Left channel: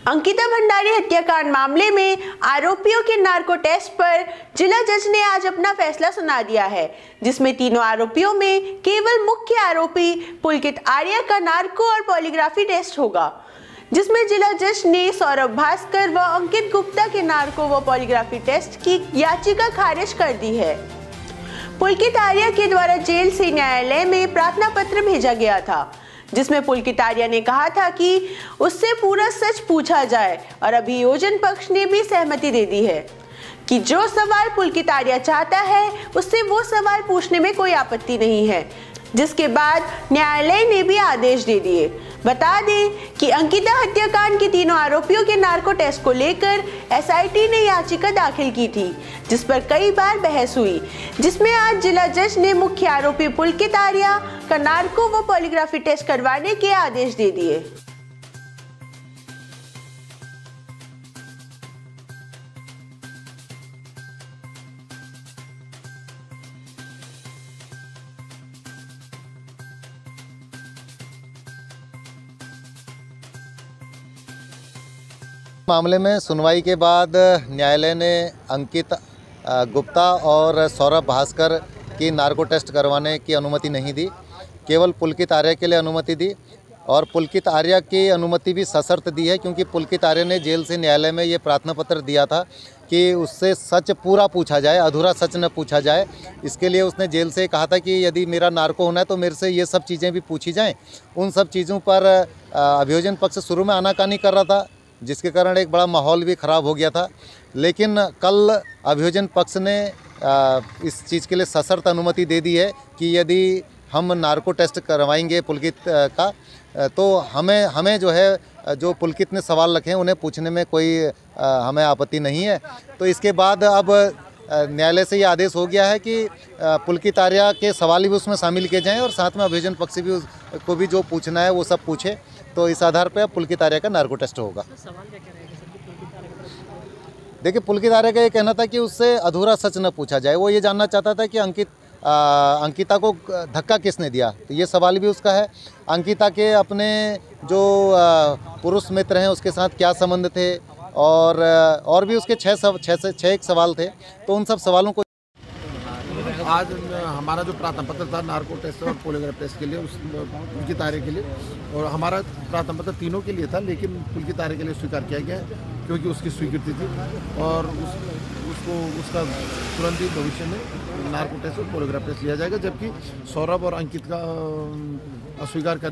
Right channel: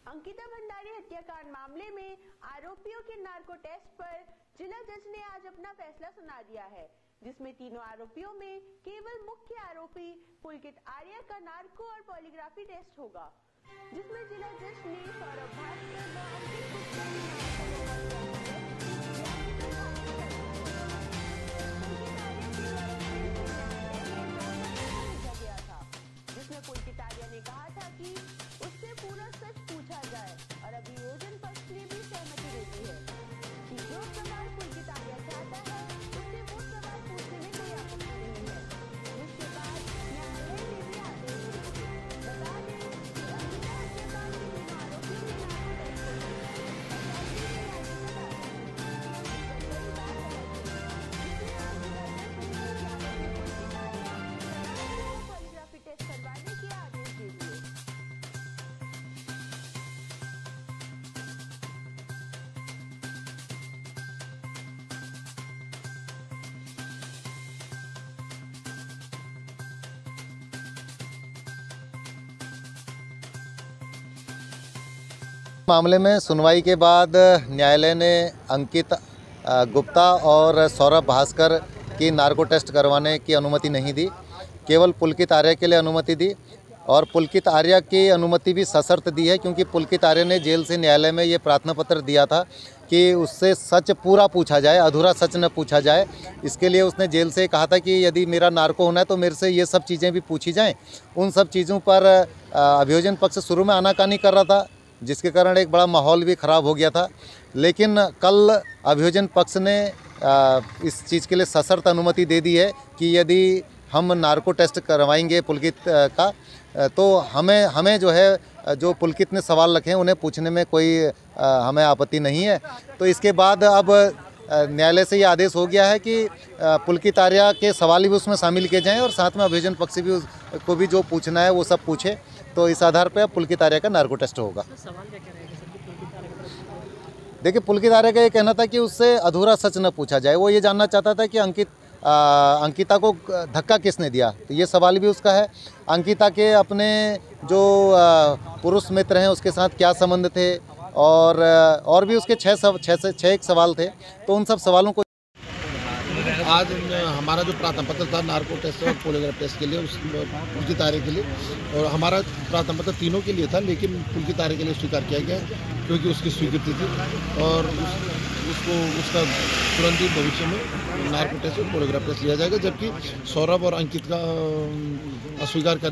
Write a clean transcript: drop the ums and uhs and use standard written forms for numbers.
अंकिता भंडारी हत्याकांड मामले में आरोपियों के नार्को टेस्ट पर जिला जज ने आज अपना फैसला सुना दिया है, जिसमें तीनों आरोपियों में केवल मुख्य आरोपी पुलकित आर्या का नार्को और पॉलीग्राफी टेस्ट होगा, जिसमें जिला जज ने सौरभ भास्कर व अंकित गुप्ता के नार्को व पॉलीग्राफी टेस्ट की याचिका खारिज कर दी है। पुलकित आर्या के द्वारा जेल से न्यायालय में प्रार्थना पत्र भेजा गया था, जिसमें पुलकित आर्या ने कहा था कि उससे पूरा सच पूछा जाए और अभियोजन पक्ष ने भी सहमति दे दी है कि जो सवाल पुलकित आर्या चाहता है उससे वो सवाल पूछने में कोई आपत्ति नहीं है, जिसके बाद न्यायालय ने भी आदेश दे दिए। बता दें कि अंकिता हत्याकांड के तीनों आरोपियों के नार्को टेस्ट को लेकर एसआईटी ने याचिका दाखिल की थी, जिस पर कई बार बहस हुई, जिसमें आज जिला जज ने मुख्य आरोपी पुलकित आर्या का नार्को व पॉलीग्राफी टेस्ट करवाने के आदेश दे दिए। मामले में सुनवाई के बाद न्यायालय ने अंकित गुप्ता और सौरभ भास्कर की नार्को टेस्ट करवाने की अनुमति नहीं दी, केवल पुलकित आर्या के लिए अनुमति दी। और पुलकित आर्या की अनुमति भी सशर्त दी है, क्योंकि पुलकित आर्या ने जेल से न्यायालय में ये प्रार्थना पत्र दिया था कि उससे सच पूरा पूछा जाए, अधूरा सच न पूछा जाए। इसके लिए उसने जेल से कहा था कि यदि मेरा नार्को होना है तो मेरे से ये सब चीज़ें भी पूछी जाएँ। उन सब चीज़ों पर अभियोजन पक्ष शुरू में आनाकानी कर रहा था, जिसके कारण एक बड़ा माहौल भी ख़राब हो गया था। लेकिन कल अभियोजन पक्ष ने इस चीज़ के लिए सशर्त अनुमति दे दी है कि यदि हम नार्को टेस्ट करवाएंगे पुलकित का, तो हमें जो है जो पुलकित ने सवाल रखे हैं उन्हें पूछने में कोई हमें आपत्ति नहीं है। तो इसके बाद अब न्यायालय से ये आदेश हो गया है कि पुलकित आर्या के सवाल भी उसमें शामिल किए जाएँ और साथ में अभियोजन पक्ष भी को भी जो पूछना है वो सब पूछे। तो इस आधार पर पुलकित आर्या का नार्को टेस्ट होगा। देखिए, पुलकित आर्या का ये कहना था कि उससे अधूरा सच न पूछा जाए। वो ये जानना चाहता था कि अंकिता को धक्का किसने दिया, तो ये सवाल भी उसका है। अंकिता के अपने जो पुरुष मित्र हैं उसके साथ क्या संबंध थे, और भी उसके छः एक सवाल थे। तो उन सब सवालों को आज हमारा जो प्रार्थना पत्र था नार्को टेस्ट और पॉलीग्राफ टेस्ट के लिए, उस पुलकित आर्या के लिए, और हमारा प्रार्थना पत्र तीनों के लिए था, लेकिन पुलकित आर्या के लिए स्वीकार किया गया क्योंकि उसकी स्वीकृति थी और उसका तुरंत ही भविष्य में नार्को टेस्ट और पॉलीग्राफ टेस्ट लिया जाएगा, जबकि सौरभ और अंकित का अस्वीकार कर